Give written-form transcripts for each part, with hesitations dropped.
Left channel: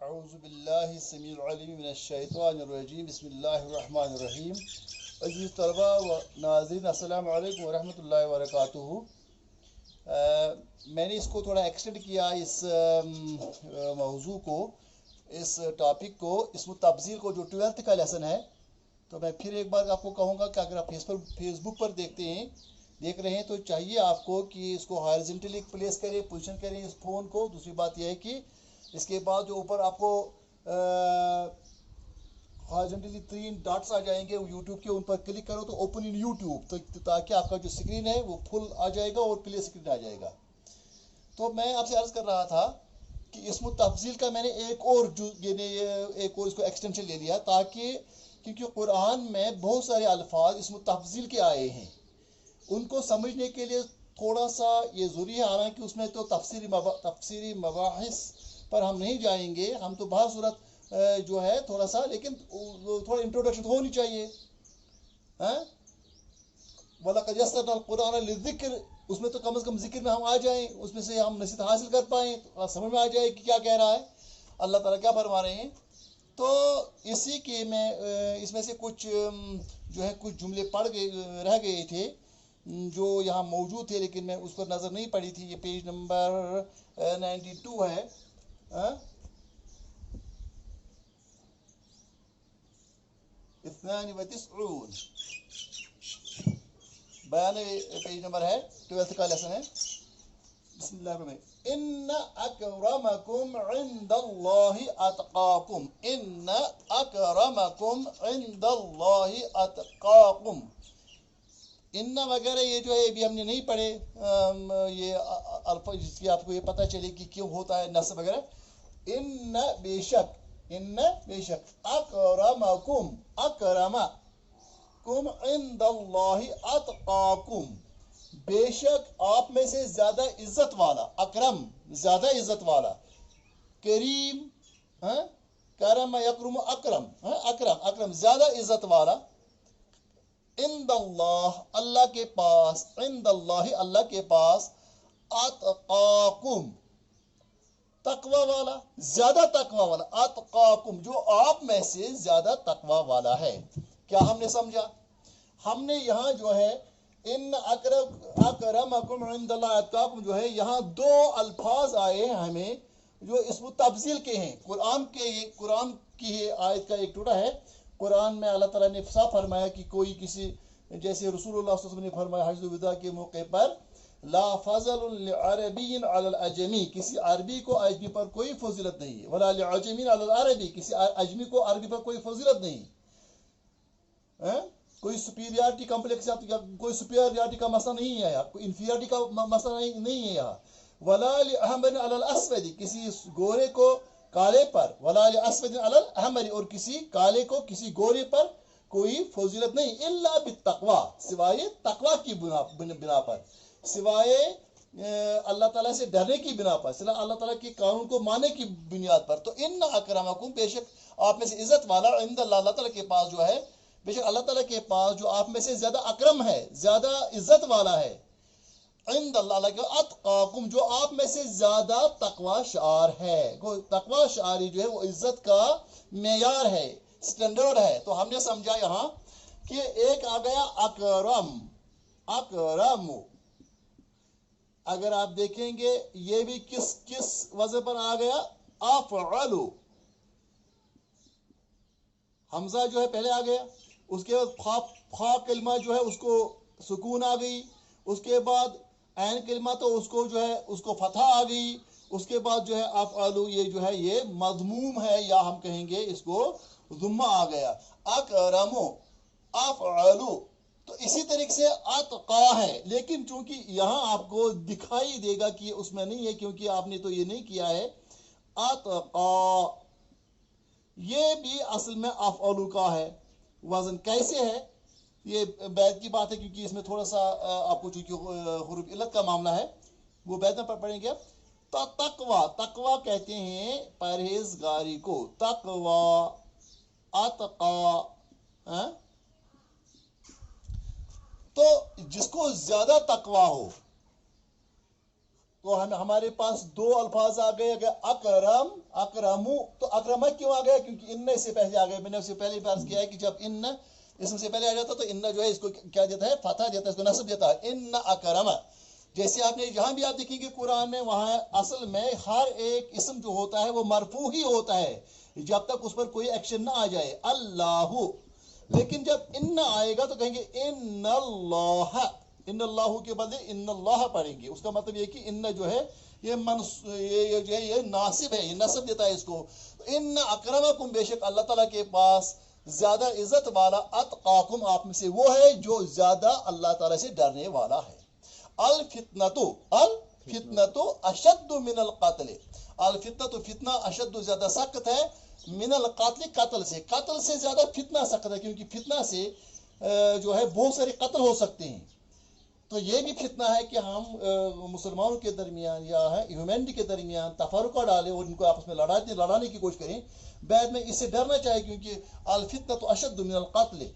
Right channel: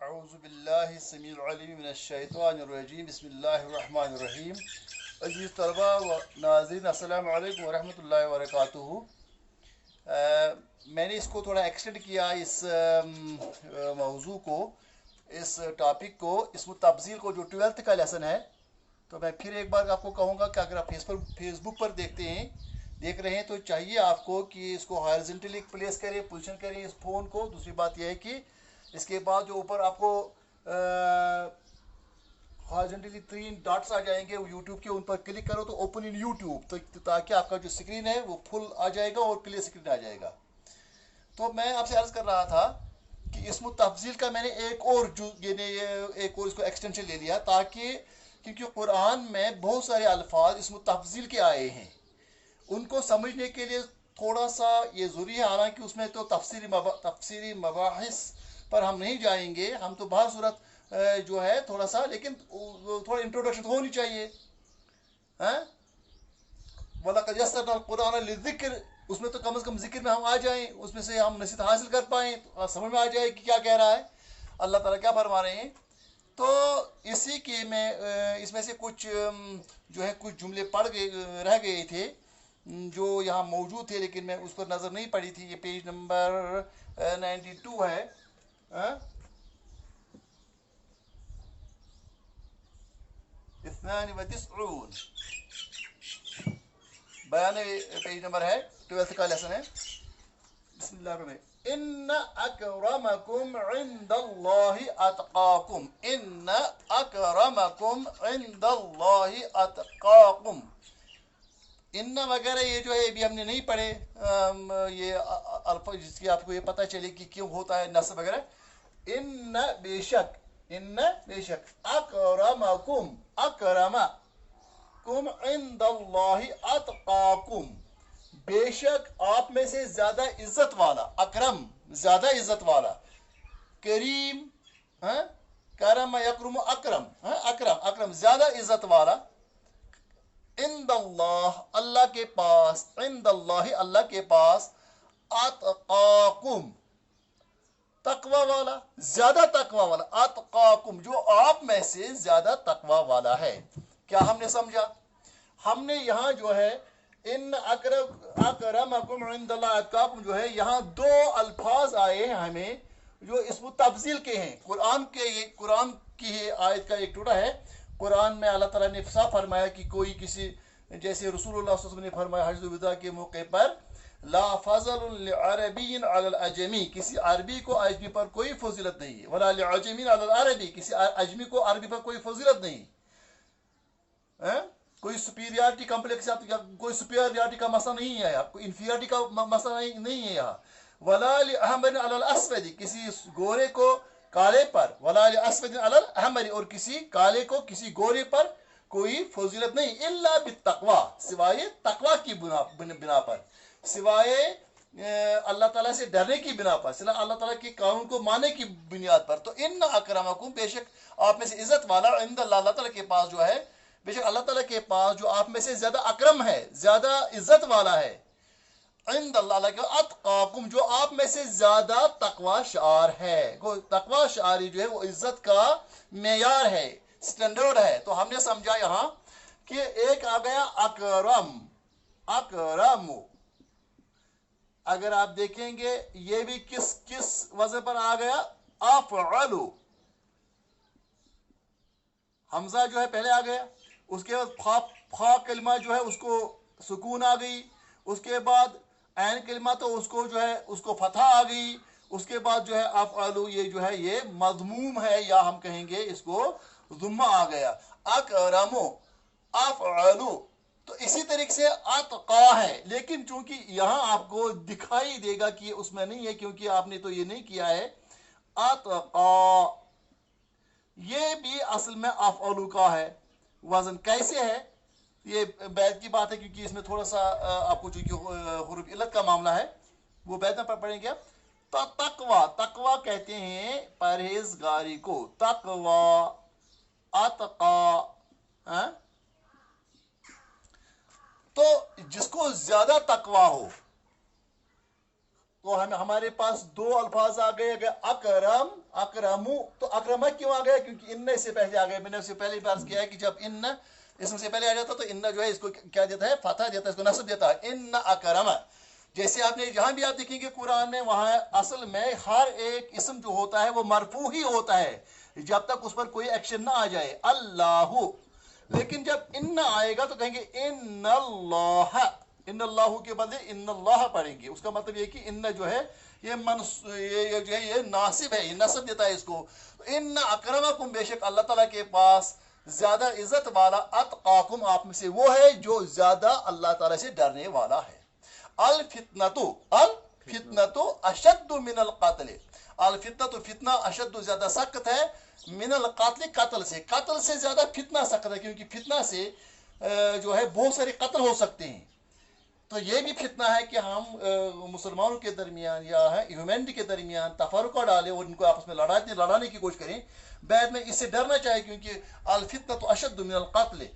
अऊज़ु बिल्लाहि समीउल अलीम मिनश शैतानिर रजीम बिस्मिल्लाहिर रहमानिर रहीम। अज़ीज़ तलबा व नाज़रीन, अस्सलामु अलैकुम व रहमतुल्लाहि व बरकातुहू। मैंने इसको थोड़ा एक्सटेंड किया, इस मौजू को, इस टॉपिक को, इसमें तफसील को, जो 12th का लेसन है। तो मैं फिर एक बार आपको कहूँगा कि अगर आप फेसबुक पर देख रहे हैं तो चाहिए आपको कि इसको हॉरिजॉन्टली प्लेस करें, पोजीशन करें इस फ़ोन को। दूसरी बात यह है कि इसके बाद जो ऊपर आपको हॉरिजॉन्टली 3 डॉट्स आ जाएंगे यूट्यूब के, उन पर क्लिक करो तो ओपन इन यूट्यूब, तो ताकि आपका जो स्क्रीन है वो फुल आ जाएगा और क्लियर स्क्रीन आ जाएगा। तो मैं आपसे अर्ज़ कर रहा था कि इसमें तफसील का मैंने एक और इसको एक्सटेंशन ले लिया, ताकि क्योंकि कुरान में बहुत सारे अल्फाज इसमें तफसील के आए हैं, उनको समझने के लिए थोड़ा सा ये ज़रूरी है। हालांकि उसमें तो तफसीरी मबाहिस पर हम नहीं जाएंगे, हम तो बहुत सूरत जो है थोड़ा सा, लेकिन थोड़ा इंट्रोडक्शन तो होनी चाहिए। वलक़द यस्सरना कुरान लिज़िक्र, उसमें तो कम से कम जिक्र में हम आ जाएं, उसमें से हम नसीहत हासिल कर पाएँ, तो समझ में आ जाए कि क्या कह रहा है अल्लाह ताला, क्या फरमा रहे हैं। तो इसी के मैं इसमें से कुछ जो है कुछ जुमले रह गए थे जो यहाँ मौजूद थे, लेकिन मैं उस पर नज़र नहीं पड़ी थी। ये पेज नंबर 92 है। इस्नानी व तिस्ऊन, 92 पेज नंबर है, 12th का लेसन है। बिस्मिल्लाह। इन्ना अकरमकुम इंदल्लाहि अतकाकुम, इन्ना अकरमकुम इंदल्लाहि अतकाकुम। इन्ना वगैरह ये जो है अभी हमने नहीं पढ़े, ये अल्फा जिसकी आपको ये पता चले कि क्यों होता है नस्ब वगैरह। इन्ना बेशक, इन्ना बेशक, अकरमकुम, अकरमकुम इंदल्लाहि अतकाकुम, बेशक आप में से ज्यादा इज्जत वाला, अकरम ज्यादा इज्जत वाला, करीम, करम यकरम अकरम, अकरम अकरम ज्यादा इज्जत वाला, इंदल्लाह अल्लाह के पास, इंदल्लाह अल्लाह के पास, अतकाकुम तकवा वाला, ज्यादा तकवा वाला, अतकाकुम जो आप में से ज्यादा तकवा वाला है। क्या हमने समझा? हमने यहाँ जो है इन अकरमकुम इंदल्लाह अतकाकुम जो है, यहाँ दो अल्फाज आए हैं हमें जो इसमें तफसील के हैं। कुरान की आयत का एक टुकड़ा है। कुरान में अल्लाह ताला ने साफ फरमाया कि कोई किसी, जैसे रसूलुल्लाह सल्लल्लाहु अलैहि वसल्लम ने फरमाया हज्जुल विदा के मौके पर, ला फज़ल लिअरबिय्यिन अलल अजमी, किसी अरबी को अजमी पर कोई फजीलत नहीं है, वला लिअजमिन अलल अरबी, किसी अजमी को अरबी पर कोई फजीलत नहीं है। कोई सुपीरियरिटी कॉम्प्लेक्स या कोई सुपीरियरिटी का मसला नहीं है यहाँ, कोई इंफीरियरिटी का मसला नहीं है यहाँ। वला लिअहमर अलल अस्वदी, किसी गोरे को काले पर, वला लिअस्वद अलल अहमर, और किसी काले को किसी गोरे पर कोई फजीलत नहीं, इल्ला बित्तक़वा, सिवाय तकवा की बिना पर, सिवाय अल्लाह ताला से डरने की बिना पर, सिवाय अल्लाह ताला के कानून को मानने की बुनियाद पर। तो इन्ना अकरमकुम, बेशक आप में से इज्जत वाला, इंदल्लाह अल्लाह ताला के पास जो है, बेशक अल्लाह ताला के पास जो आप में से ज्यादा अकरम है, ज्यादा इज्जत वाला है, इंदल्लाह के अतकाकुम जो आप में से ज्यादा तकवा शार है। तकवा शारी जो है वो इज्जत का मेयार है, स्टैंडर्ड है। तो हमने समझा यहाँ कि एक आ गया अकरम, अकरम, अगर आप देखेंगे ये भी किस किस वजह पर आ गया, अफ़अलु, हमजा जो है पहले आ गया, उसके बाद फा कलमा जो है उसको सुकून आ गई, उसके बाद ऐन कलमा तो उसको जो है उसको फतहा आ गई, उसके बाद जो है अफ़अलु ये जो है ये मज़मूम है, या हम कहेंगे इसको ज़ुम्मा आ गया, अकरमु अफ़अलु। तो इसी तरीके से अतका है, लेकिन चूंकि यहाँ आपको दिखाई देगा कि उसमें नहीं है, क्योंकि आपने तो ये नहीं किया है। अतका ये भी असल में अफ़अलु का है, वजन कैसे है ये बैद की बात है, क्योंकि इसमें थोड़ा सा आपको चूंकि हुरूफ इल्लत का मामला है, वो बैद में पढ़ेंगे। तो तकवा, तकवा कहते हैं परहेजगारी को, तकवा, अतका। तो जिसको ज्यादा तकवा हो, तो हमारे पास दो अल्फाज आ गए, अगर अकरम अकरमु, तो अकरमा क्यों आ गया? क्योंकि इन्न से पहले आ गया। मैंने उससे पहले बात किया है कि जब इन्न इसम से पहले आ जाता तो इन्न जो है इसको क्या देता है? फतह देता है, इसको नस्ब देता है, इन्न अकरमा। जैसे आपने जहां भी आप देखेंगे कुरान में, वहां असल में हर एक इसम जो होता है वो मरफू ही होता है जब तक उस पर कोई एक्शन ना आ जाए, अल्लाहु। लेकिन जब इन्ना आएगा तो कहेंगे इन्नल्लाह, इन्नल्लाहु के बदले इन्नल्लाह पढ़ेंगे। उसका मतलब ये कि इन्न जो है ये जो है ये नासिब है, ये नस्ब देता है इसको। इन्न अकरमकुम, बेशक अल्लाह ताला के पास ज्यादा इज्जत वाला, अतकाकुम, आप में से वो है जो ज्यादा अल्लाह ताला से डरने वाला है। अल फितनतु अशद्दु मिनल क़त्ल, अल फितनतु, फितना, अशद्दु, ज्यादा सख्त है, मिनल क़त्ल, कत्ल से, कत्ल से ज्यादा फितना सख्त है, क्योंकि फितना से जो है बहुत सारे कत्ल हो सकते हैं। तो ये भी फितना है कि हम मुसलमानों के दरमियान या ह्यूमैनिटी के दरमियान तफरुका डालें और इनको आपस में लड़ाने की कोशिश करें। बाद में इससे डरना चाहिए, क्योंकि अल फितना तो अशद्दु मिनल क़त्ल,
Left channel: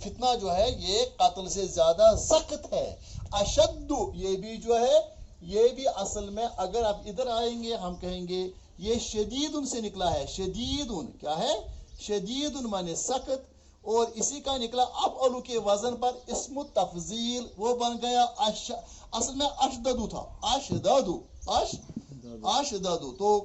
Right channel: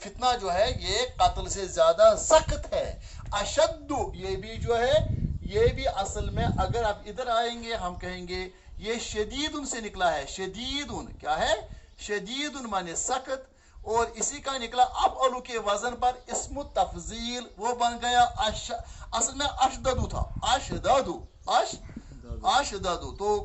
फितना जो है ये कत्ल से ज्यादा सख्त है। अशद्दु ये भी जो है ये भी असल में अगर आप इधर आएंगे हम कहेंगे ये शदीदुन से निकला है। शदीदुन क्या है? शदीदुन माने सख्त, और इसी का निकला अफअलु के वजन पर इस्मु तफजील, वो बन गया असल में अशददु था, अशददु। तो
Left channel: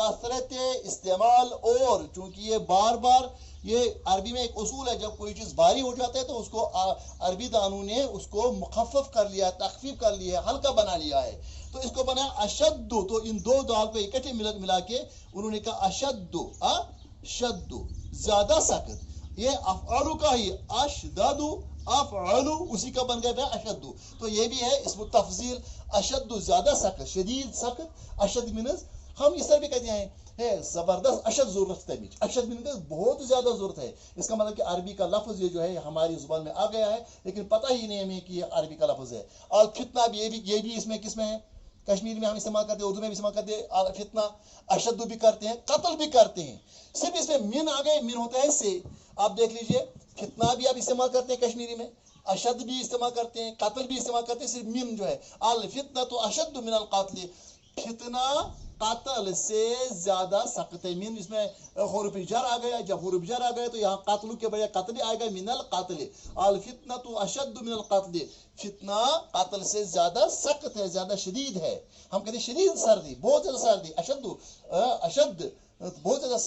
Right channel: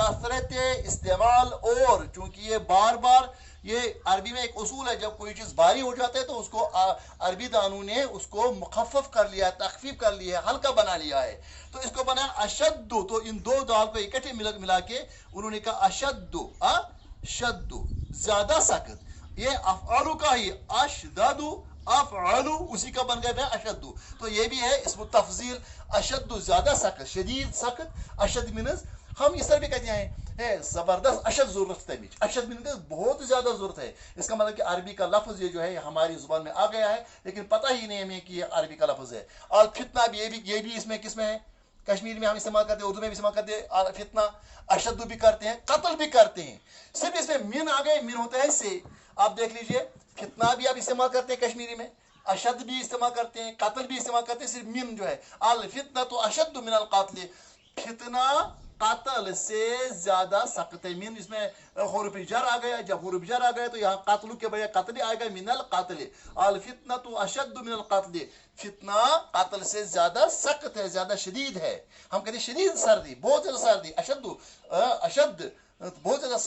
कसरत इस्तेमाल, और चूंकि ये बार बार, ये अरबी में एक उसूल है, जब कोई चीज भारी हो जाता है तो उसको अरबी दानों ने उसको मुखफ़फ़ कर लिया है, तखफीफ कर लिया है, हल्का बना लिया है, तो इसको बना अशद्दु। तो इन दो दाल को इकट्ठे मिला के उन्होंने कहा अशद्दु, अशद्दु ज्यादा सख्त। ये अफ़अलु का ही अशददु, अफ़अलु उसी का बन गया अशद्दु। तो ये भी है इसमें तफजील, अशद्दु ज्यादा सख्त, शदीद सख्त, अशद मीनस हम इस तरह भी कहते हैं जबरदस्त, अशद जरूरत है, अशद मीनस बहुत ज्यादा जरूरत है। इसका मतलब कि अरबी का लफ्ज ये जो है हमारी जुबान में आ गया है, लेकिन पता ही नहीं हमें कि ये अरबी का लफ्ज है। और फितना भी ये भी इसमें किसमें है? कश्मीरी में हम इस्तेमाल करते हैं, उर्दू में भी इस्तेमाल करते हैं, फितना अशद्दु भी करते हैं, कत्ल भी करते हैं। सिर्फ इसमें मिन आ गए, मिन होता है से। आप देख लीजिए फितना भी आप इस्तेमाल करते हैं कश्मीरी में, अशद भी इस्तेमाल करते हैं, कत्ल भी इस्तेमाल करते हैं, सिर्फ मिन जो है अल फितना तो अशद्दु मिनल क़त्ल, फितना कत्ल से ज्यादा सख्त है। मिन इसमें हुरूफ जर आ गया, जब हुरूफ जर आ गया तो यहाँ कत्ल के बजाय कत्ल आएगा, मिनल क़त्ल, अल फितना तो अशद्दु मिनल क़त्ल, फितना कत्ल से ज्यादा सख्त है, ज्यादा शदीद है। हम कहते हैं शदीद सर्दी, बहुत ज्यादा सर्दी, अशद्दु अशद बहुत ज्यादा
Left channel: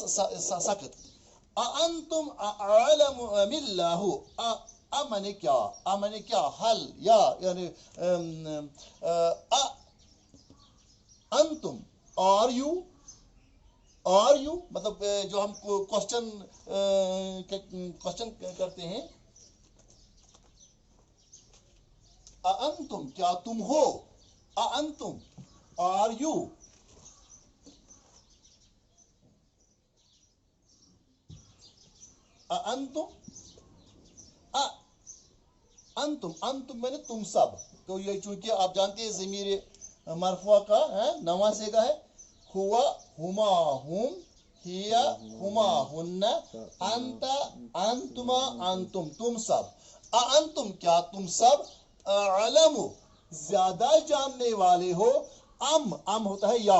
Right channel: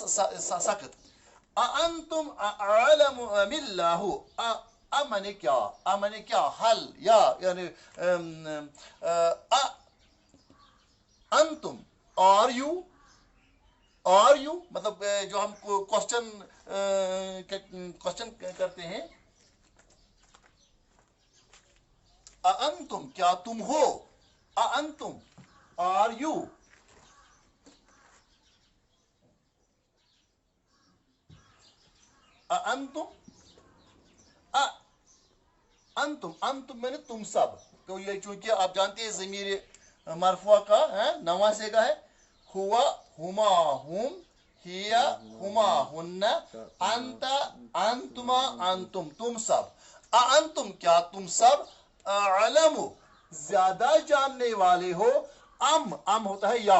सख्त। अअंतुम अअलमु अमिल्लाहु, अमने क्या हल, या यानी अंतुम, आर यू मतलब जो हम क्वेश्चन करते हैं, अंतुम क्या तुम हो, अंतुम आर यू, अंतुम मैंने तुम सब। तो ये चूंकि आप जानते हैं ज़मीर मरफुआ का है, नवासे का है, हुआ हुमा हुम, हिया हुमा हुन्ना, अंता अंतुमा अंतुम तुम सब। अंतुम क्या तुम सब, अलमु ज्यादा जानने वाले हो, अम होता है या,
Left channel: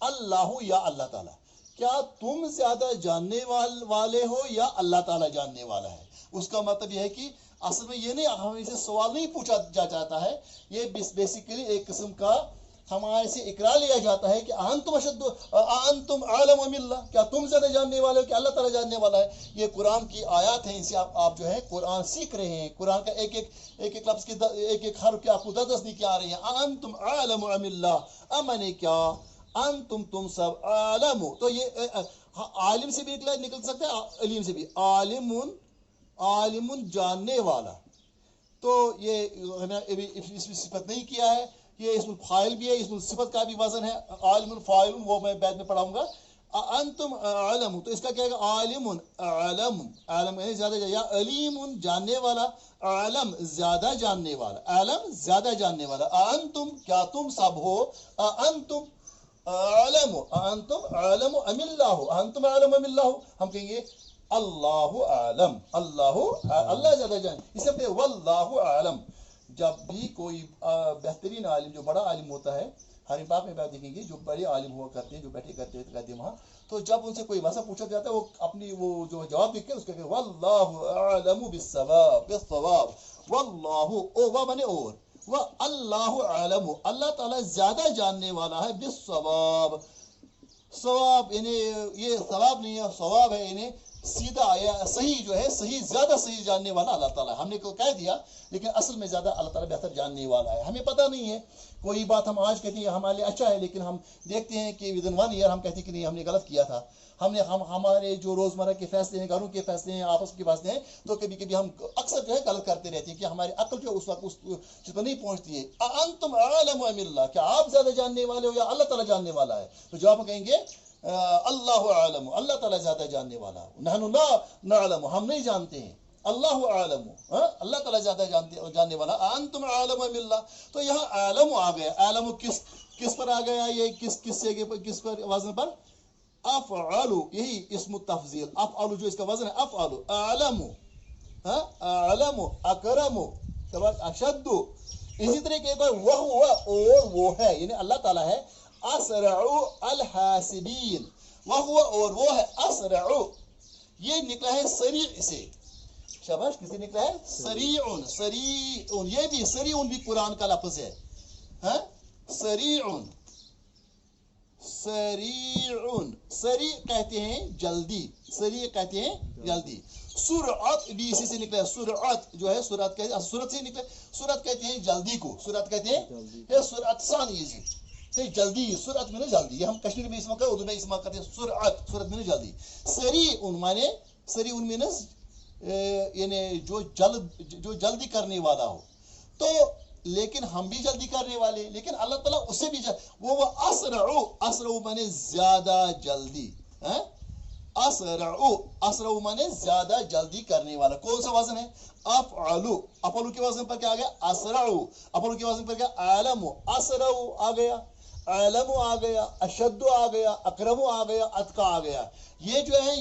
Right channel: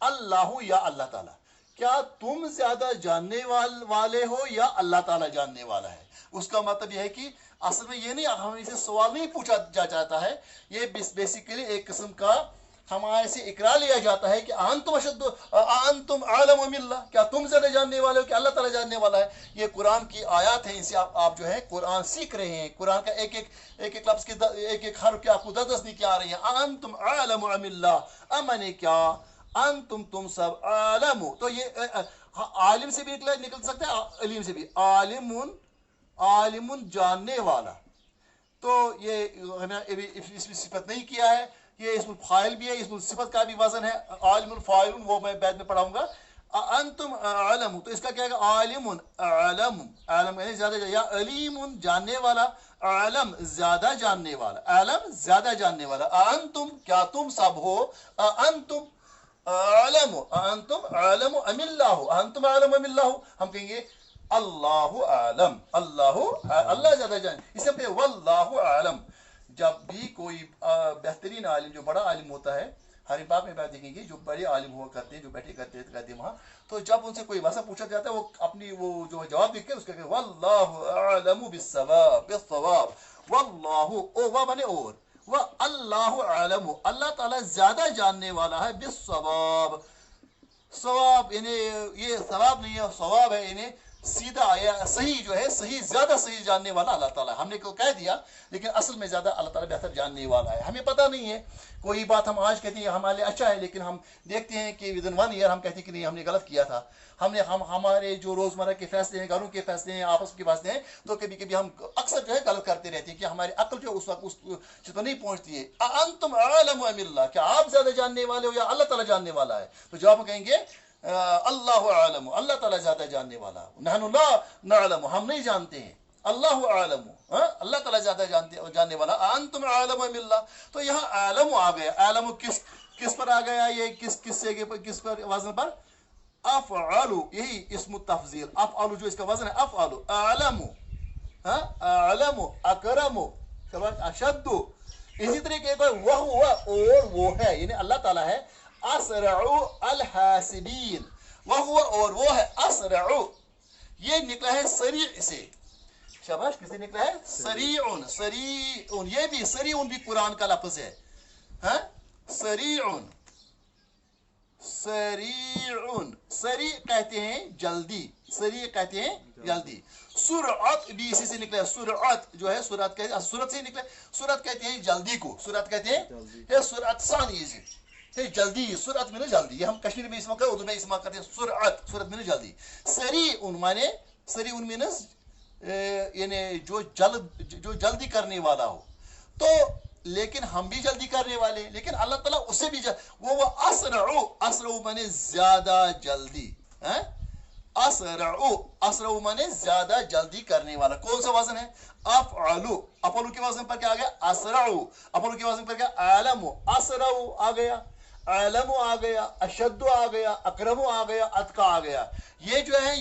अल्लाहु या अल्लाह ताला, क्या तुम ज्यादा जानने वाले हो या अल्लाह ताला जानने वाला है। उसका मतलब यह है कि असल में ये नहीं, हमें इसे सवाल नहीं पूछा जाता है, ये बेसिकली एक किस्म का हमारे से इकरार लिया जाता है कि अंतुम आलम मिल्ला, क्या तुम ज्यादा जानने वाले हो कि अल्लाह ताला जानने वाला है। ये कुरान की आयत है, इनसे आप जो है कुरान सीख रहे हैं, कुरान का एक एक लफ्ज की एक एक हर्फ की आपको 10 निकी आ रही है। अंतुम आलम मिल्ला, अमने क्या अंतुम तुम सब, आलमु, तो ये आलिम से भी निकल सकता है, अलीम से भी, आलिमुन जानने वाला। तो ये हमें इसमें सिफत नहीं किया है, ये इसमें फाइल भी है, इसमें सिफत का भी वजन है, आलिमुन फाइलुन, वो मैं बाद में पढ़ाऊंगा। अंतुम आलम, तो इसका क्या है, आलिमुन आलम, आलम यानी ज्यादा, या अलीमुन जानने वाला, आलम ज्यादा जानने वाला, आलम ज्यादा जानने वाला। अंतुम क्या तुम सब हो, अंतुम आलम, अंतुम आलम अमिल्लाहु, अंतुम आलम अमिल्लाहु, हम कहेंगे अल्लाहु आलम, अल्लाह ज्यादा जाने, इसे वल्लाहु आलम। जब भी कोई बेहतरीन आलिम, जो बड़ा आलिम होता है, हरीम पाक में बात देखेंगे जो बड़े आलिम हुआ करते हैं, जो बैठे करते हैं वहाँ, तो जब उनसे कोई वैसा पूछा जाता है, वो अपनी वो जो जवाब देख के उसका वल्लाहु अअलमु बिस्सवाब, वल्लाहु ओ वा बने और वह अल्लाहु अअलमु, अल्लाह ताला ज्यादा जानने वाला है, बिस्सवाब, सवाब इन्हें ये सवाब नहीं है, सवाब है इन्हें सीधा या सही जो है, सही ज्यादा सही जानने वाला अल्लाह ताला। हमने को कह दिया, लेकिन असल में ज्यादा अल्लाह ताला बेहतर जानने वाला है। हमें पता नहीं है, कोई बात हम आज कहते हैं हमारे लिए अच्छा है, लेकिन हम देखते हैं कि विद इन 1 ईयर हम कहते हैं कि नहीं हमने गलत किया था। हमारे जो रोजमर्रा के फैसले हैं, घरों के फैसले हैं, आपस के फैसले हैं, तो कभी कभी हम अक्सर जो है गलत करते रहते हैं कि हमारी अक्ल जो उस वक्त उस चीज पर नहीं पहुंचती है। अंतुम अअलमु अमिल्लाह, क्या आप ज्यादा जानने वाले हो या अल्लाह ताला जानने वाला है? तो जवाब में कहेंगे अल्लाहु अअलमु, अल्लाह ताला ज्यादा जानने वाला। नहनु ला नअलमु, हम नहीं जानते हैं, अल्लाहु अअलमु, अल्लाह ताला ज्यादा जानने वाला। अंतुम अअलमु अमिल्लाह, तो यहाँ अअलमु आ गया। अअलमु किस पर आ गया? ये किस जगह पर, किस पर वजन पर? अफ़अलु, यही इस्मु तफजील, अफ़अलु जो इसका वजन है अफ़अलु। अअलमु, अअलमु, अकरमु, अशद्दु, इसी तरीके का वह हुआ और वो है, यानी अल्लाह ताला है असरउ अल हासिबीन, वह हुआ और वो है असरउ, ये निकला है सरी से, शाबाश, किसे निकला है? सरीउन, सरीउन, ये भी सरीउन भी कुरान का लफ्ज है, सरीउन, सरीउन, सरी कहते हैं जल्दी, सरी कहते हैं जल्दी। सुरअत भी इसी से निकला है, सुरअत जो है सुरअत कहते हैं, सूरत से निकले, सुरअत कहते हैं जल्दी को, सुरअत कहते हैं ये सुरअत सानी है जल्दी, सुरअत में ना जल्दी, ये हम कश्मीर में इस्तेमाल करते हैं, उर्दू में इस्तेमाल करते हैं सुरअत, सुरअत में ना जल्दी। सरीउन माने, सरीउन मीन्स यानी जो जल्दी करने वाला हो। तो लेकिन हम भी जल्दी करने वाले, लेकिन अल्लाह ताला उससे भी वो असरउ, असरउ माने ज्यादा जल्दी, असरउ, असरउ माने ज्यादा जल्दी करने वाला। कौन सा वजन है? अफ़अलु, अफ़अलु के वजन पर क्या आ गया? असरउ, अफ़अलु के वजन पर क्या? अअलमु, असरउ आ गया, अअलमु आ गया, अशद्दु आ गया, अकरमु आ गया, अतका आ गया। ये जो है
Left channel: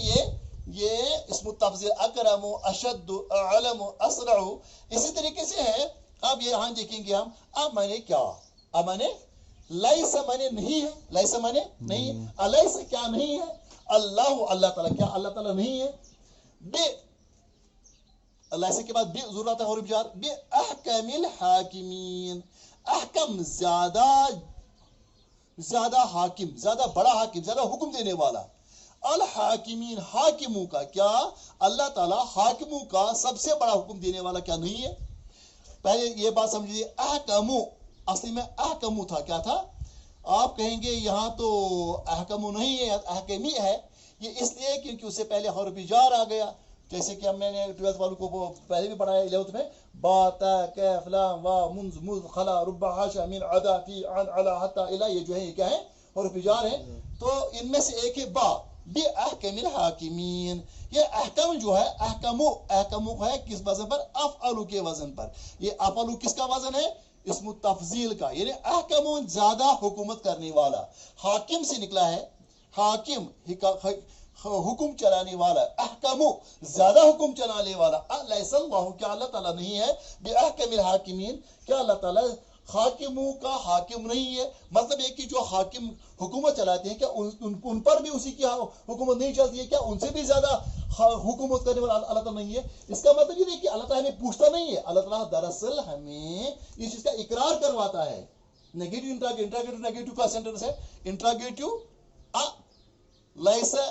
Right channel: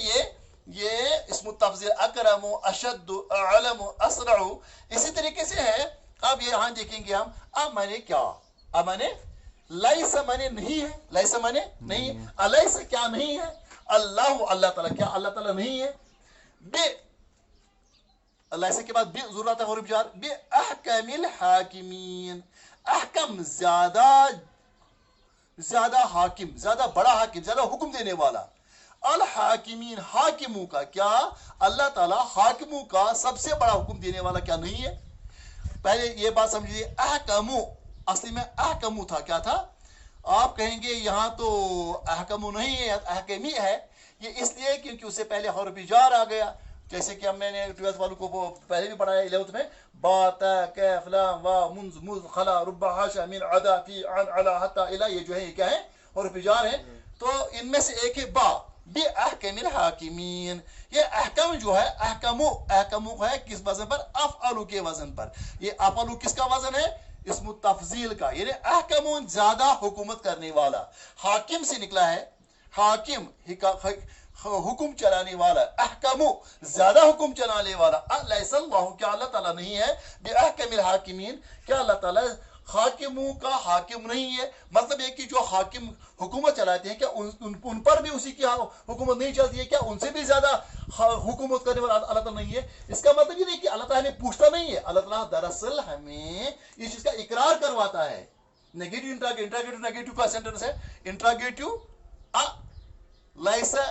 ये इस्मु तफजील अकरमु, अशद्दु, अअलमु, असरउ, इसी तरीके से है। अब ये यहां देखेंगे हम, अब माने क्या? अब माने लैसा माने नहीं है, लैसा माने नहीं है, अलैसा क्या नहीं है? अल्लाह, अल्लाह ताला, क्या अल्लाह ताला नहीं है? बे, लैसा के बाद बे जरूरत है, और जार बे अहकमिल हाकिमीन, अहकम ज्यादा हाकिम, ज्यादा बड़ा हाकिम, ज्यादा हुक्म देने वाला। अल हाकिमीन, हाकिमों का, क्या अल्लाह ताला हाकिमों का सबसे बड़ा हुक्म देने वाला क्या नहीं है? पहले ये बात समझिए, अहकमु असली में अहकमु था, क्या था? आप कहेंगे यहाँ तो अहकमु नहीं है, अहकमी है। ये इसलिए क्योंकि उससे पहले हर्फ जार आ गया, जैसे कि मैंने 12th वालों को पहले भी पढ़ाया 11th में, बाता कैफ लाम वा मुंज मुज खला रुब्बा हाशा मिन अदा फी अन अला हत्ता इला, ये जो है ये क्या है? हर्फ जार है। तो इनमें से एक है बा, बे अहकमिल हाकिमीन। ये अहकम जो है, अहकमु, अहकमु है किस वजन पर? अफ़अलु के वजन पर। ये अफ़अलु किसका वजन है? इस्मु तफजील का, यानी अहकमु ज्यादा हुकूमत करने वाला। हाकिम से निकला है, हाकिम हुक्म चलाने वाला, अहकमु ज्यादा हुक्म चलाने वाला। अलैसल्लाहु, क्या अल्लाह ताला नहीं है? बे अहकमिल हाकिमीन, क्या अल्लाह ताला हाकिमों का हाकिम नहीं है? मतलब ये कि जो हाकिम हुकूमत चलाते हैं, क्या उन पर भी उसी की हुकूमत नहीं चलती है? क्या उनसे भी ज्यादा हुकूमत करने वाला अल्लाह ताला नहीं है? इसका मतलब ये नहीं कि अल्लाह ताला हमें पूछता नहीं है, अल्लाह ताला दरअसल हमें इस चीज का इकरार करवाता है। नेगेटिव इंट्रागेटिव, नेगेटिव का सेंटेंस है, इंट्रागेटिव लैसा,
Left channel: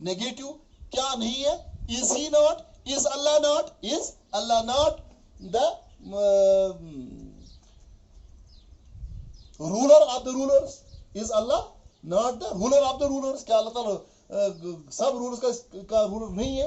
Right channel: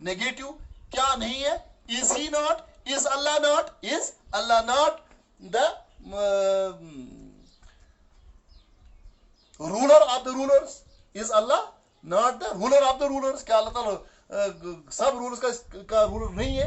नेगेटिव क्या नहीं है? Is he not, is Allah not, is Allah not the ruler of the rulers, is Allah not the ruler of the rulers, क्या अल्लाह ताला सब रूलर्स का रूलर नहीं है?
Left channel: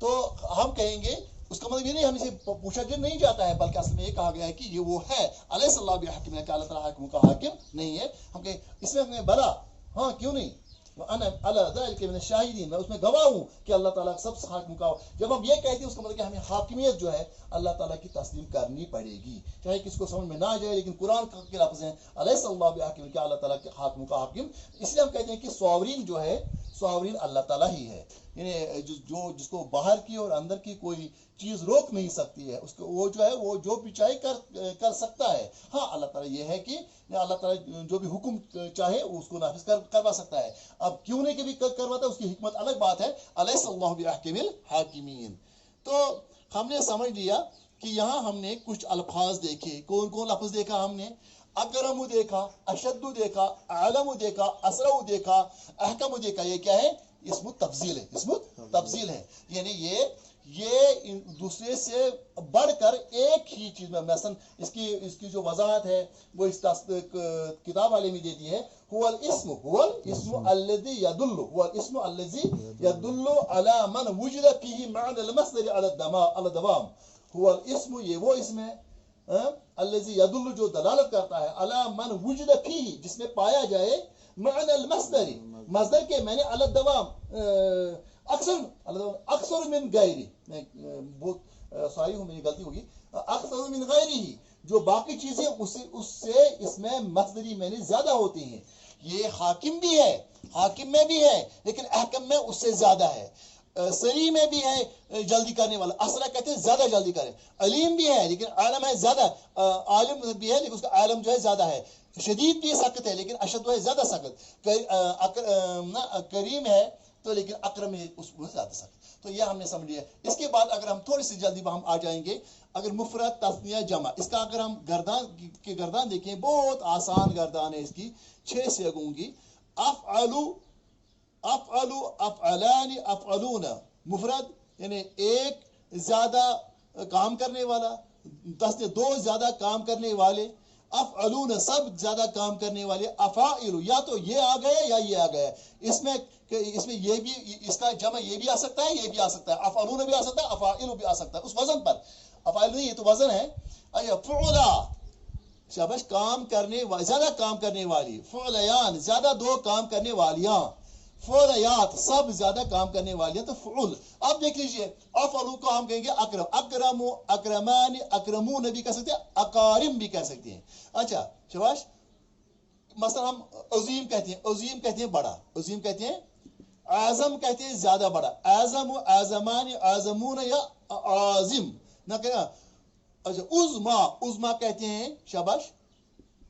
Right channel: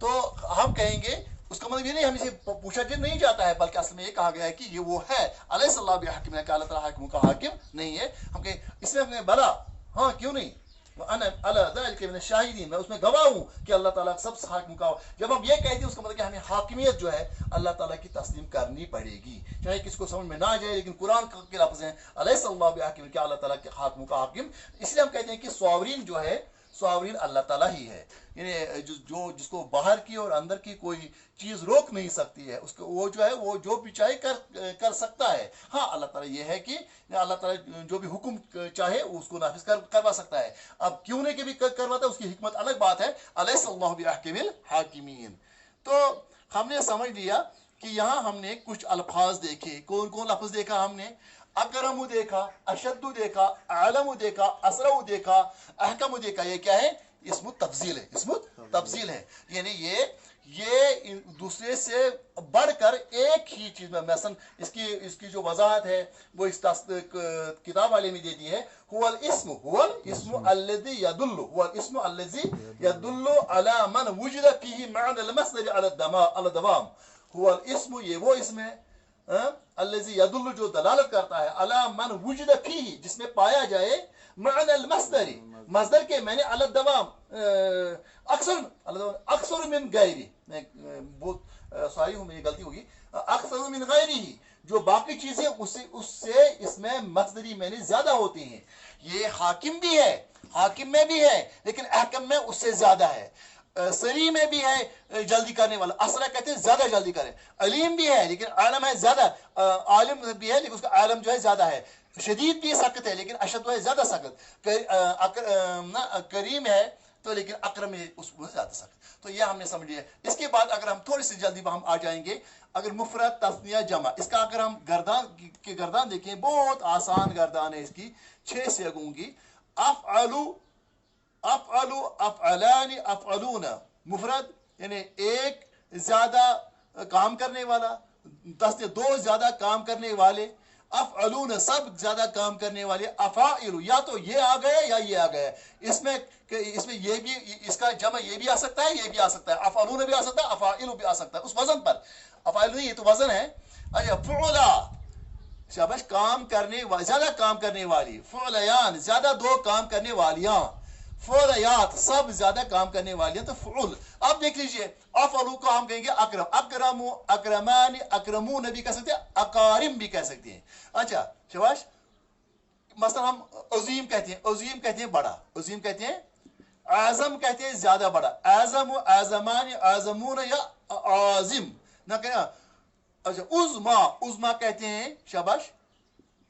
तो हम कहेंगे उसका मतलब ये नहीं हमें से पूछा नहीं जाता है, बल्कि असल में ये कहा गया है कि ये वो है। अलैहिस्सलाम बिहकीम, क्या अल्लाह ताला हाकिम का हाकिम नहीं है? हम कहे इसमें हमें भला, हाँ क्यों नहीं, शाहिदीन, मैं उसमें गवाह हूं कि अल्लाह ताला सब हाकिम का। जब हम ये कहते हैं उसका मतलब कि हमें हाकिमियत जो है अल्लाह ताला की तस्लीम करनी पड़ेगी, चाहे किसको समझ में ना आ जाए, लेकिन कुरान के लफ्ज़ हैं अलैहिस्सलाम बिहकीम, क्या अल्लाह ताला के हाकिम का हाकिम। इसलिए हम कहते हैं कि सॉवरीन जो है, सावरीन अल्लाह ताला ही है। यानी जो जिसको बाहर की और अंदर की कोई चीज रोक नहीं सकती है, उसको वो जो है वो जो भी चाहे कर सकता है। हाँ, अल्लाह ताला ये है कि अल्लाह ताला जो भी हुक्म चाहे उसको नाफिज करवा सकता है। अब क्यों नहीं कि भी करवाता है, उसकी हिकमत अलग बात है। अलैहिस्सल्लाहु बिअहकमिल हाकिमीन। तो हमने समझ लिया कि यहाँ हमने कुछ अल्फाज देखे। कौन कौन लफ्ज देखा हमने? अकरमु देखा, अशद्दु देखा, आलमु देखा, असरउ देखा, अहकमु देखा। ये क्या है? इसमु तफजील है, इसमु तफजील है। यानी ये दूसरे से बढ़कर एक ही चीज में, मसलन इसकी जो वजाहत है वो इस किताब वाले में दे दी है। हुवल इस्मु अल्लज़ी यदुल्लु अला मन वुजिद फीही मअनल मस्दर अला दवाम। हुवल इस्मु, ये वो इसम है, अल्लज़ी यदुल्लु, जो दलालत करता है, अला मन वुजिद फीही, जिसमें पाया जाए, मअनल मस्दर, मस्दर के मैंने अला दवाम, अक्सर मिन गैरी, बहुत सॉरी हूँ, मेरी गलती होगी, अक्सर मिन गैरी, जो बाकी चीजें उससे इसमें मस्दरी मैंने ज्यादा होती हैं। ये हाकिम भी है, हाकिम में भी है, लेकिन अहकम में उससे ज्यादा है। सरी में भी है जल्दी करने वाला, असरा कहते हैं ज्यादा जल्दी करे। अलीम भी है लेकिन आलम है ज्यादा, आलिम भी है लेकिन उसका आलम जो है ज्यादा है। शदीद भी सख्त है लेकिन अशद है ज्यादा सख्त। करीम है तो लेकिन अकरम है उसको ज्यादा सख्त। तो ये हमने समझ लिया। इसके बाद अगर हम थोड़ी सी जल्दी हम आ जाएंगे, अगर मुफरद तस्निया जमा, इसका अगर हम गर्दान देखें, बहुत आसान गर्दान है इसकी, 6 सेगों की। अफ़अलु, अफ़अलु, अफ़अलानी, अफ़अलूना, मुफरद यानी एक ज्यादा काम करने वाला, तस्निया 2 ज्यादा काम करने वाले, अफ़अलूना सब ज्यादा काम करने वाले, अफ़ाइलु या तो ये आ गया या ये आ गया। इसमें ये भी, इसका जमा ये भी आ सकता है, ये भी आ सकता है, अफ़अलूना भी आ सकता है, अफ़ाइलु भी आ सकता है उस वजन पर। अफ़ाइलु नहीं, ये तो वजन है। अच्छा, फ़ुअला, शाबाश, काम करने वाली, ज्यादा काम करने वाली। फ़ुअलयान, ज्यादा 2 काम करने वालियां। फ़ुअलयात, सब ज्यादा काम करने वालियां। तो फ़ुअल, अब देख लीजिए, अफ़अलु को हम कहेंगे अकरम, अकरमु, अकरमानी, अकरमून भी कह सकते हैं, अकारिम भी कह सकते हैं। अच्छा शाबाश, मसलन हम अज़ीम कहते हैं, अज़ीम कहते हैं बड़ा, अज़ीम कहते हैं, आज़म कहते हैं ज्यादा बड़ा, आज़म, आज़मानी, आज़मून या आज़िम ना कहना। अच्छा, उज़मा, उज़मा कहते हैं शाबाश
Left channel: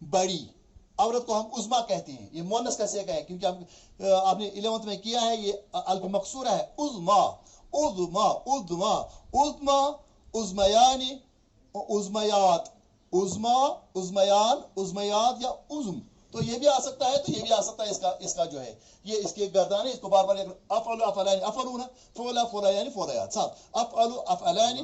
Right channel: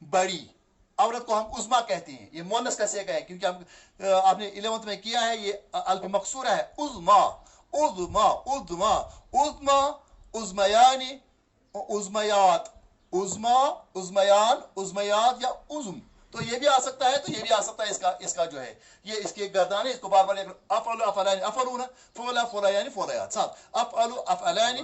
बड़ी, औरत को हम उज़मा कहते हैं। ये मुअन्नस कैसे कहें, क्योंकि हम आपने 11th में किया है, ये अल्फ मकसूरा है। उज़मा, उज़मा, उज़मा, उज़मा, उज़मयानी, उज़मयात, उज़मा, उज़मयान, उज़मयात या उज़म। तो ये भी आ सकता है, तो ये भी आ सकता है। इसका जो है ये इसके गर्दान है, इसको बार बार अफ़अलु, अफ़अलानी, अफ़अलूना, फ़ुअला, फ़ुअलयानी, फ़ुअलयात, सब अफ़अलु, अफ़अलानी,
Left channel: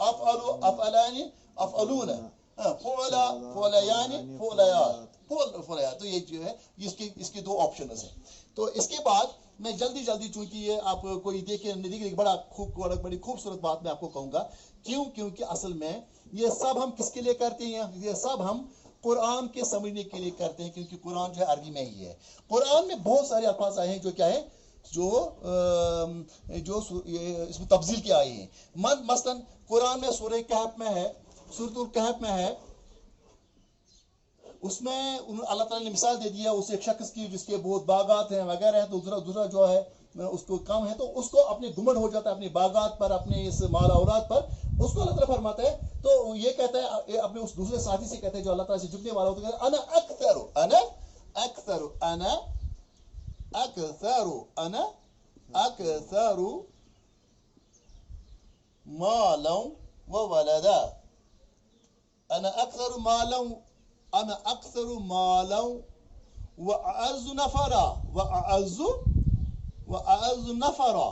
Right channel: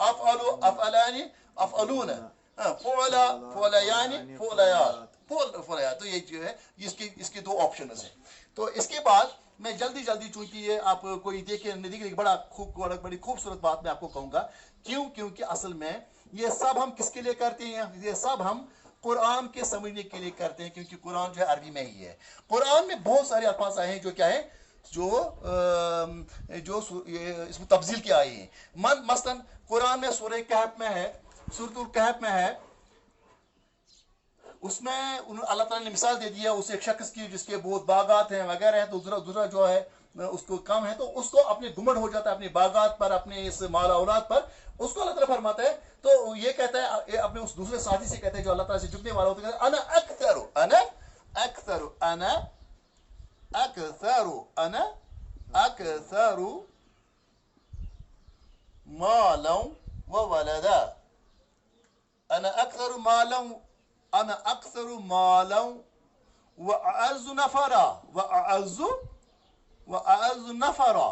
अफ़अलु, अफ़अलानी, अफ़अलूना, फ़ुअला, फ़ुअलयानी, फ़ुअलयात, फ़ुअलयात। तो ये जो है इसके 2 ऑप्शंस हैं। तो इसके बाद मैं जल्दी चूंकि ये आप कोई देखे नहीं देखे, बड़ी खूबसूरत बात मैं आपको कहूंगा। क्योंकि असल में ये सब हम किसके लिए करते हैं? ये सब हम कुरान के समझने के लिए करते हैं, क्योंकि कुरान जो है अरबी में ही है। कुरान में बहुत सारे अल्फाज आए हैं जो क्या है, जो इसमें तब्दील के आए हैं। मसलन कुरान में सूरह कहफ में है, सूरतुल कहफ में है, उसमें अल्लाह ताला ने मिसाल दे दी है उस एक शख्स की जिसके बहुत बागात हैं वगैरह हैं। तो दूसरा जो है उसको कम है, तो उसको अपने घुमंड हो जाता है अपने बागात पर, अपने इस माल औलाद पर। उसको अल्लाह ताला फरमाता है, तो ये कहता है अपने उस दूसरे साथी से, कहते हैं जो अल्लाह ताला से झुकने वाला होता है, अना अक्तरु, अना अक्तरु, अना अक्तरु, अना अक्तरु मालन व वलदा, अना अक्तरु मालन, अना अक्तरु मालन व अअज़्ज़ु नफरा, व अअज़्ज़ु नफरा।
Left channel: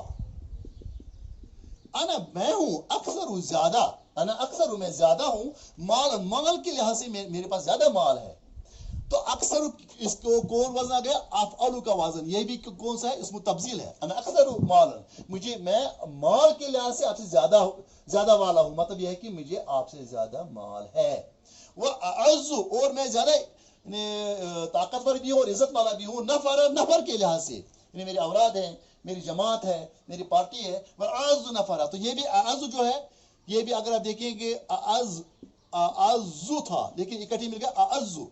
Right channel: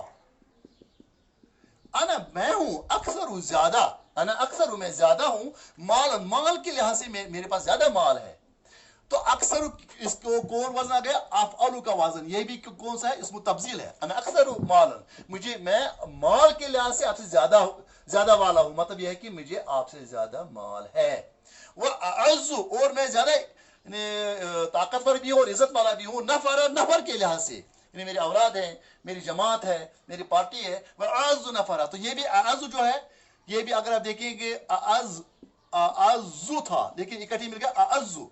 अना मैं हूं, अक्सर ज्यादा, अना अक्सर मैं ज्यादा हूं, माल के लिहाज से मेरे पास ज्यादा माल है। तो अक्सर इसको कौन वजन आ गया? अफ़अलु का वजन। ये भी कौन सा है? इसमें तब्दील है। अना अक्सर मालन, मैं माल के लिहाज से आपसे ज्यादा वाला हूं, मतलब यह है कि मुझे आपसे ज्यादा माल है। वह अअज़्ज़ु, और मैं ज्यादा ताकतवर भी हूं और इज्जत वाला भी हूं, नफर के लिहाज से, मेरी औलाद है, मेरी जमात है, मेरी पार्टी है। वह अअज़्ज़ु नफरा, तो ये भी अअज़्ज़ु जो है, ये भी अगर आप देखेंगे अअज़्ज़ु था लेकिन इकट्ठी मिल गया अअज़्ज़ु।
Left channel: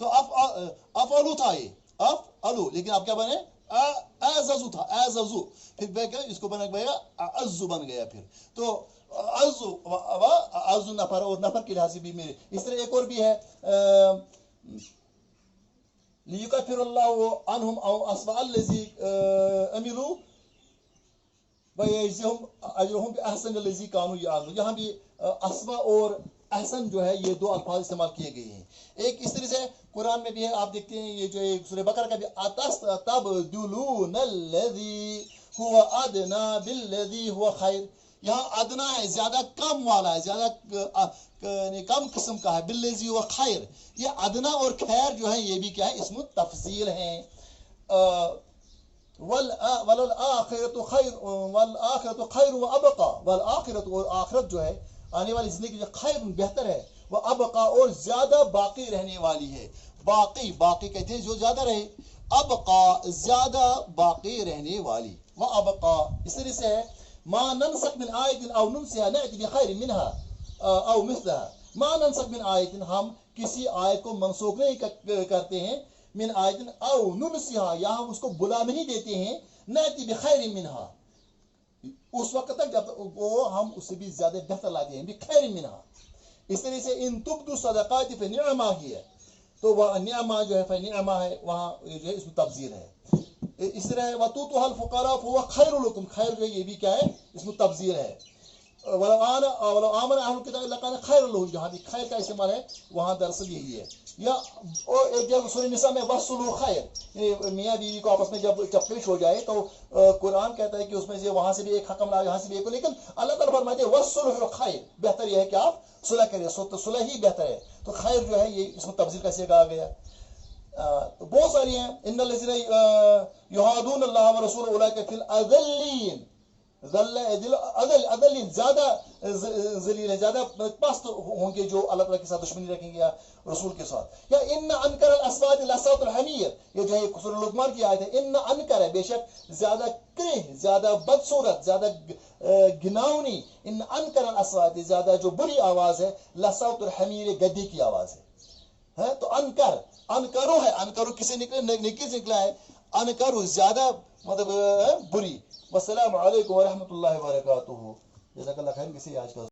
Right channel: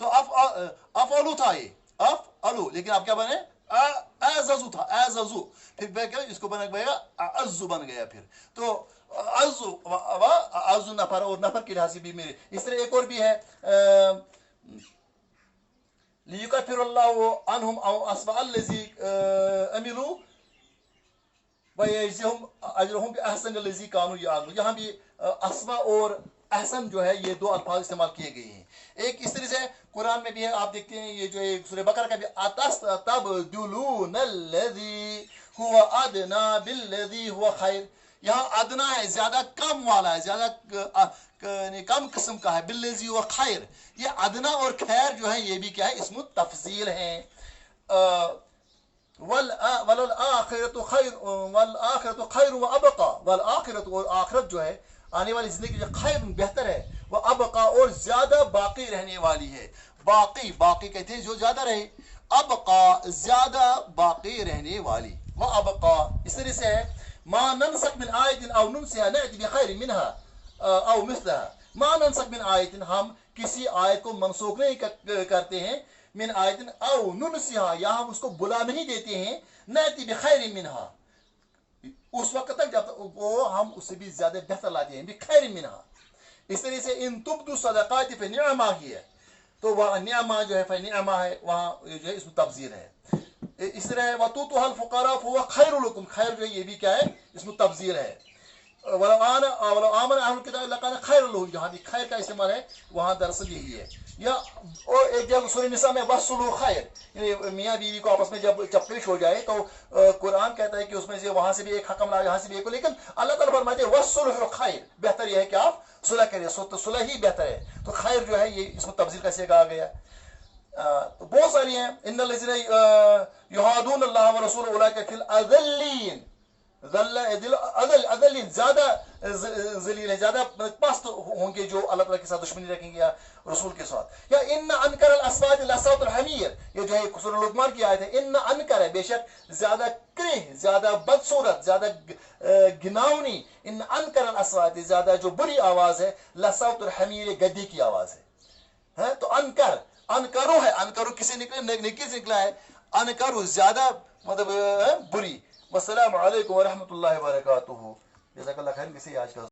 तो अफ़अलु था, ये अफ़अलु, लेकिन आप क्या बने? अज़ज़ु था, अज़ज़ु, फिर इसको बन गया अज़्ज़ु बन गया। फिर तो अज़्ज़ु अज़्ज़ु नफर, और नफर के लिहाज से भी मेरे। इस तरह एक और भी है, लियुकफ्फिरुल्लाहु अन्हुम अस्वअल्लज़ी अमिलू वयजज़िहुम अजरहुम बिअहसनिल्लज़ी कानू यअमलून। यहाँ भी अस्वा और अहसन जो है ये दो अल्फाज इस्तेमाल किए गए हैं। एक इस तरह से कुरान में भी है, आप देखते हैं ये जो एक सूरह बकरा का भी अतस्तबदुलूनल्लज़ी हुवा अदना बिल्लज़ी हुवा खैर। यहाँ अदना है, ज्यादा कम वाला है, ज्यादा कम किस्म का है, बिल्लज़ी हुवा खैर। ये अदना और खैर जो है ये भी क्या है, इसमें तफसील है। वल आखिरतु खैर व अबका, वल आखिरत, और आखिरत जो है आने वाली जिंदगी जो खैर बेहतर है, वह अबका और ज्यादा बाकी रहने वाली है। बाकी, बाकी कहते हैं जो ज्यादा रहे, अबका ज्यादा बाकी रहने वाली, वह अबका। इस तरह से है मा ननसख मिन आयतिन औ नुनसिहा नअति बिखैरिन मिनहा औ मिस्लहा। मा ननसख मिन आयतिन, हम किसी आयत को मनसूख नहीं करते हैं, मिन आयतिन औ नुनसिहा, या हम उसको बुला नहीं देते हैं, नअति बिखैरिन मिनहा, उस वक्त तक जब वो हम उससे भी ज्यादा बेहतर लाते हैं, बिखैरिन मिनहा। इस तरह से इन तुब्दु सदक़ाति फनिअमा हिय, तो वह निअमा जो है फनिअमा है, वहाँ जो है इसमें तफसीर है। इस तरह है वतूतुहल फुक़रा फहुव खैरुल लकुम, खैर जो है ये भी क्या है, इसमें तफसीर है। वलो आमन अहलुल किताब लकान खैरुल लहुम, जहाँ भी खैर का इस्तेमाल है वहाँ दरअसल यही है। या और एक जगह सूरह निसा में वसलु खैर, मियाँ बीवी को आपस में जब चपलिश हो जाए तो कुरान कहता है कि उसमें से वहां से भी एक हकम लाए, यहाँ से भी एक, लेकिन अल्लाह ताला फरमाते हैं वसलु खैर, बेहतर यह है कि आप सुलह करिए, तो सुलह ही बेहतर है। तो खैर जो है ये इसमें तफसील कैसे कहा गया, तो बहुत सारी हैं। इन्नल्लज़ीना युहादून अल्लाह व रसूलहु उलाइका फिल अज़ल्लीन, अज़ल्लीन ज्यादा ज़लील है, ज्यादा पस्त होंगे जो अल्लाह ताला के साथ दुश्मनी रखेंगे या रसूल के साथ। या इन्ना अनकर अस्वात लसौतुल हमीर, ये जो है सूरह लुक़मान की आयत है। इन्ना अनकर है, बेशक ज्यादा क्रिह, ज्यादा बदसूरत, ज्यादा घिनौनी, इन्ना अनकर अस्वात, ज्यादा जो बुरी आवाज है, लसौतुल हमीर, गद्दी की आवाज है। तो अनकर, अनकरो है, अनकरो किसे निकले, नेकी से निकला है, अनकरो ज्यादा मतलब बुरी। वस्सलामु अलैकुम व रहमतुल्लाहि व बरकातुहू। जज़ाकल्लाह खैर। किसी आज का